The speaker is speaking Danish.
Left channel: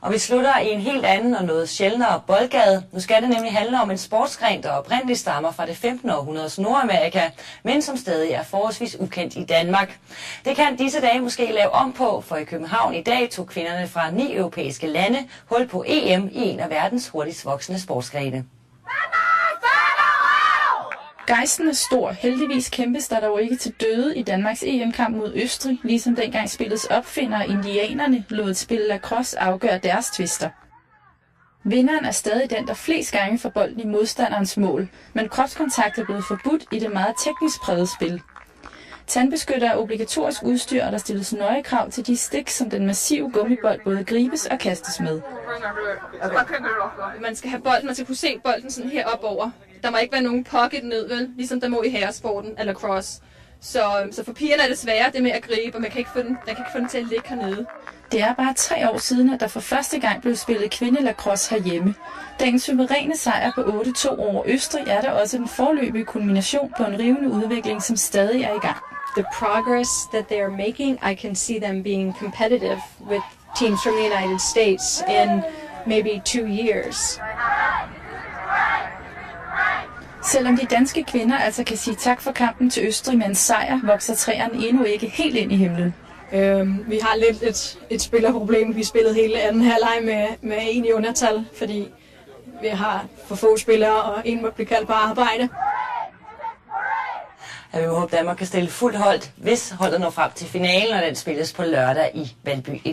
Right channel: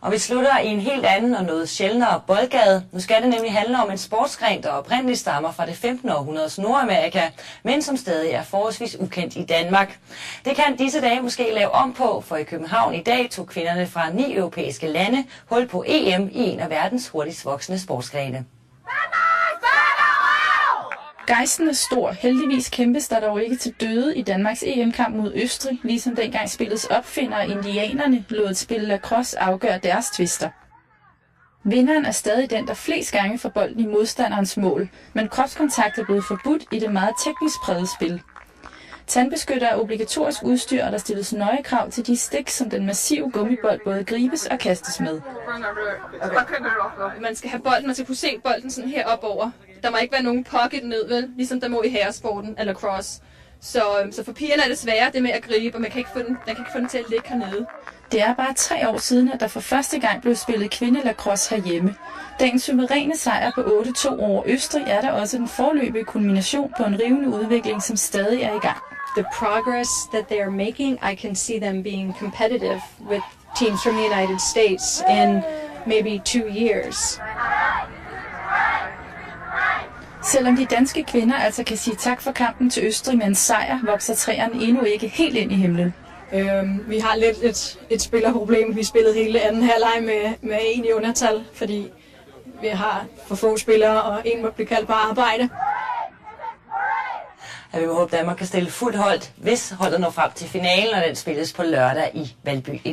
Og vi slutter i en helt anden og noget sjældnere boldgade. Nu skal det nemlig handle om en sportsgren, der oprindeligt stammer fra det 15. århundredes Nordamerika, men som stadig er forholdsvis ukendt i Danmark. Det kan disse dage måske lave om på, for i København i dag tog kvinderne fra 9 europæiske lande hul på EM i en af verdens hurtigst voksende sportsgrene. Gejsten er stor. Heldigvis kæmpes der dog ikke til døde i Danmarks EM-kamp mod Østrig, ligesom dengang spillets opfinder indianerne lod et spil lacrosse afgøre deres tvister. Vinderen er stadig den, der flest gange får bolden i modstanderens mål, men kropskontakt er blevet forbudt i det meget teknisk prægede spil. Tandbeskytter er obligatorisk udstyr, og der stilles nøje krav til de stik, som den massive gummibold både gribes og kastes med. Man skal have bolden, man skal kunne se bolden sådan her op over. Der må ikke være nogen pocket ned, vel? Ligesom der må i herresporten eller cross. Så for pigerne er det sværere det med at gribe, og man kan ikke få den til at ligge hernede. Det er bare 3 år siden, at der for første gang blev spillet kvindelacrosse herhjemme. Dagens suveræne sejr på 8-2 over Østrig er der også en foreløbig kulmination på en rivende udvikling, som stadig er i gang. The progress that they are making, I can see them being competitive with teams from the United States in maybe 2 years. Selvom de danske kvinder altså kan sige tak for kampen til Østrig med en sejr, vokser træerne endnu ikke helt ind i himlen. Vi har lidt et spillerproblem. Vi spillede hele anden halvleg med en i undertal, fordi vi har for få spillere, og en må blive kaldt på arbejde. Ja, vi må håbe, at Danmark kan stille fuldt hold, hvis holdet når frem til finalen, og den spilles på lørdag i Valby.